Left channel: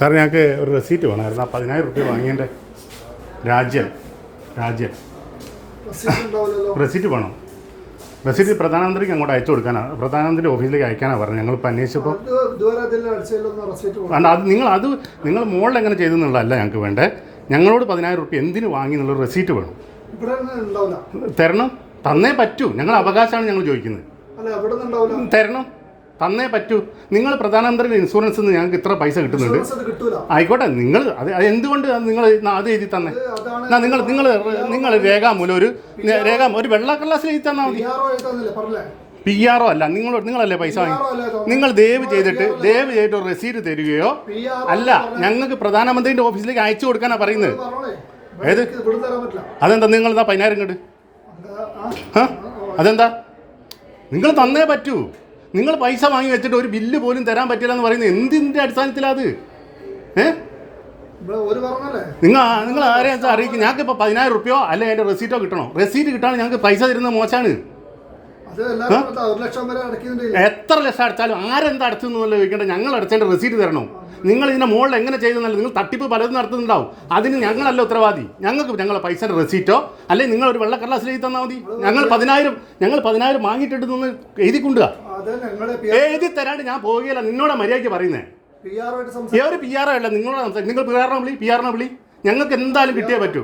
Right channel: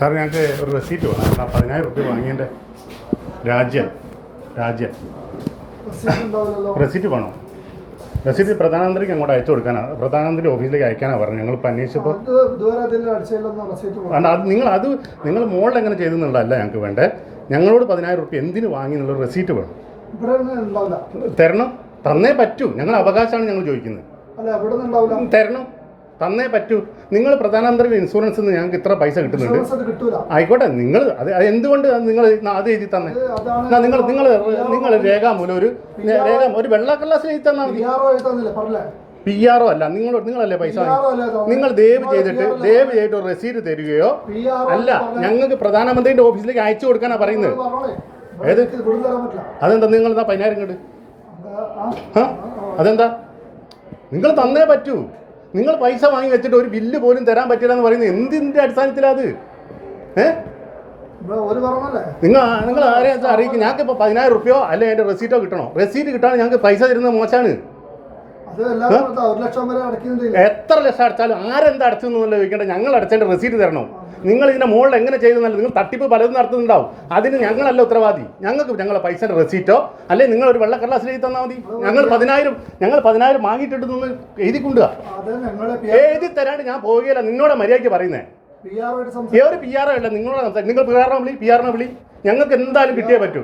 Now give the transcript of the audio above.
Sir ഞങ്ങൾക്ക് ഒരു receipt വേണം. എന്നാൽ 10,000 റുപ്യ വാങ്ങിയതിൻ്റെ രാജ്യം റെസീറ്റ് വേണം. റെസീറ്റ് പ്രധാനമന്ത്രിക്ക് അങ്ങോട്ട് അയച്ചു കൊടുക്കാനാണ്, പ്രധാനമന്ത്രി ഓഫീസിലേക്ക് അയക്കാനാണ് പറഞ്ഞത്. ഞങ്ങളിപ്പോൾ അന്വേഷിച്ചപ്പോൾ അത് നിങ്ങൾ മുകളിൽ എങ്ങനെ ചെയ്തു എന്നുള്ളതല്ല ഞങ്ങൾക്ക് വേണ്ടേ. ഞങ്ങളോട് 10,000 റുപ്യ എന്തിനു വാങ്ങി എന്നുള്ള റെസീറ്റ് വേണം. തരണം, തന്നേ പറ്റൂ. ഞങ്ങൾ അവകാശമാണ് ഞങ്ങൾ ചോദിക്കുന്നത്. തരണം, തന്നേ പറ്റൂ. നിങ്ങൾ പ്രധാനമന്ത്രിയുടെ ഇൻഷുറൻസ് നിന്ന് ഞങ്ങൾക്ക് ഇത്ര പൈസ കിട്ടുന്നുണ്ട്. ആയിക്കോട്ടെ, നിങ്ങൾ അത് എന്തുകൊണ്ട് നിങ്ങൾ അത് എഴുതി തന്നെ? നിങ്ങൾ രേഖാമൂലം ഒരു വെള്ള കടലാസിൽ എഴുതി തന്നാൽ മതി. PR അല്ല, നിങ്ങളല്ലേ പൈസ വാങ്ങി. നിങ്ങൾ ദയവ് ചെയ്തിട്ട് ഒരു റെസീറ്റ് തരികയോ അല്ല, ഞങ്ങൾക്ക് പ്രധാനമന്ത്രിയുടെ ഓഫീസിലേക്ക് അയച്ചു കൊടുക്കാനാ പറയുന്നത്. ഏത് അതെന്താ നിങ്ങൾ 10,000 ഇങ്ങോട്ട്? അതെന്താ? നിങ്ങൾ തന്നേ പറ്റൂ. നിങ്ങൾ പൈസ വാങ്ങി വെച്ചിട്ട് ഒരു ബില്ല് പോലും തരാൻ പറ്റില്ല എന്ന് പറയുന്നത് എന്തിൻ്റെ അടിസ്ഥാനത്തിലത്? നിങ്ങൾ ആരെയും അറിയിക്കും. ഞങ്ങൾക്ക് ഇപ്പോൾ 10,000 റുപ്യോ അല്ലെങ്കിൽ അതിൻ്റെ റെസീറ്റോ കിട്ടണോ? റെസീറ്റ് കിട്ടാൻ ഞങ്ങൾക്ക് പൈസ തരുന്നത് മോശമാണ്. എത്ര ലക്ഷം അടച്ചാലും ആരെന്താ അടച്ചെന്നല്ല ചോദിക്കേണ്ട. ഞങ്ങൾ അടച്ചതിൻ്റെ റെസീറ്റ് തരണോ? നിങ്ങൾ ഇതിൻ്റെ മുകളിൽ എങ്ങനെ ചെയ്തെന്നല്ല, നിങ്ങൾ തട്ടിപ്പ് പലതും നടത്തുന്നുണ്ടാവും. അതിന് ഞങ്ങളല്ല ഉത്തരവാദി. ഞങ്ങളെ പൈസയുടെ റെസീറ്റോ അല്ലെങ്കിൽ നിങ്ങൾ ഒരു വെള്ള കടലാസിൽ എഴുതി തന്നാൽ മതി. ഞങ്ങൾ 10,000 വാങ്ങിയിട്ടെന്ന് എഴുതിക്കൊണ്ടുക. എഴുതി തരാണ്ട് ഞാൻ പോവുകയില്ല. നിന്നോട് മര്യാദയ്ക്ക് പറയുന്നേ. ഒരു PR അല്ല, നിങ്ങളോട് സംസാരിക്കും. നിങ്ങൾ PR വിളി. ഞങ്ങൾക്ക് എന്തായാലും കിട്ടിയേ പറ്റൂ.